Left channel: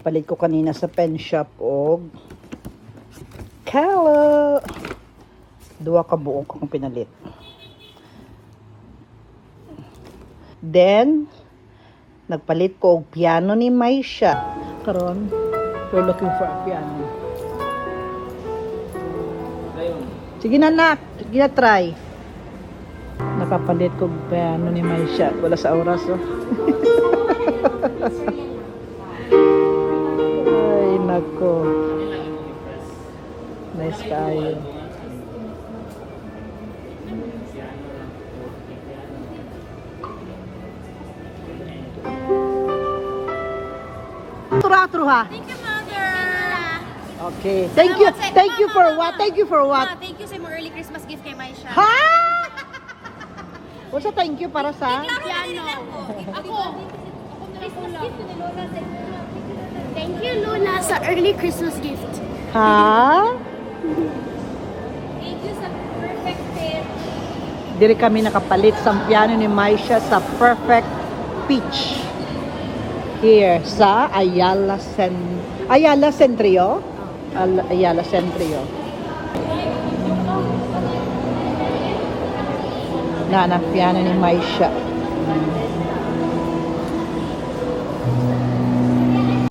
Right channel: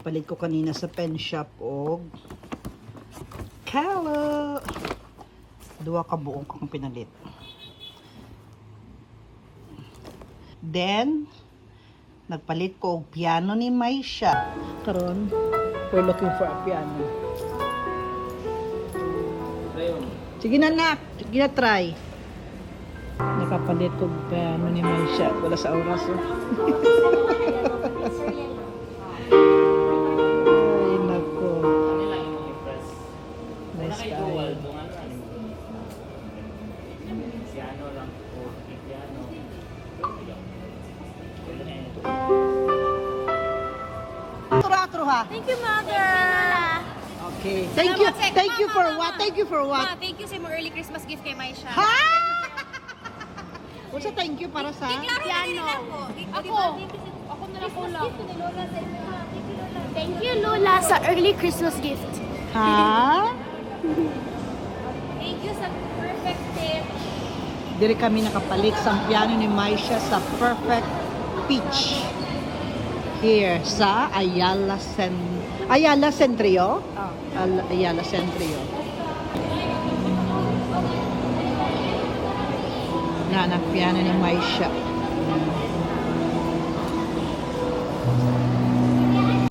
Palit ko kanina sa pen shop og kala. Duwa ka buok akong pinalit. Then, nagpalit ko og piano ni Maisha. Karon, we're looking for a piano. Sige na, nak. Sige na, try. Nakapalit ko og piano ni Maisha. Wala sa oras, oh. Ay, nako. Nice kayo. Thank you, Mother. Okay. Thank you for what? Thank you for what? Thank you sa mga early Christmas gift kay Maisha. Ha? What's a thank you para sa? Piano. Ako na lang po lang. Thank you, Lola, sa early Christmas gift. Ha? Thank you sa perfect gift. Diri kami nakapalit sa piano ni Maisha sa Perfect Pitch. Here sa Ayala Centrio. Ayala Centrio. Na piano ni Maisha.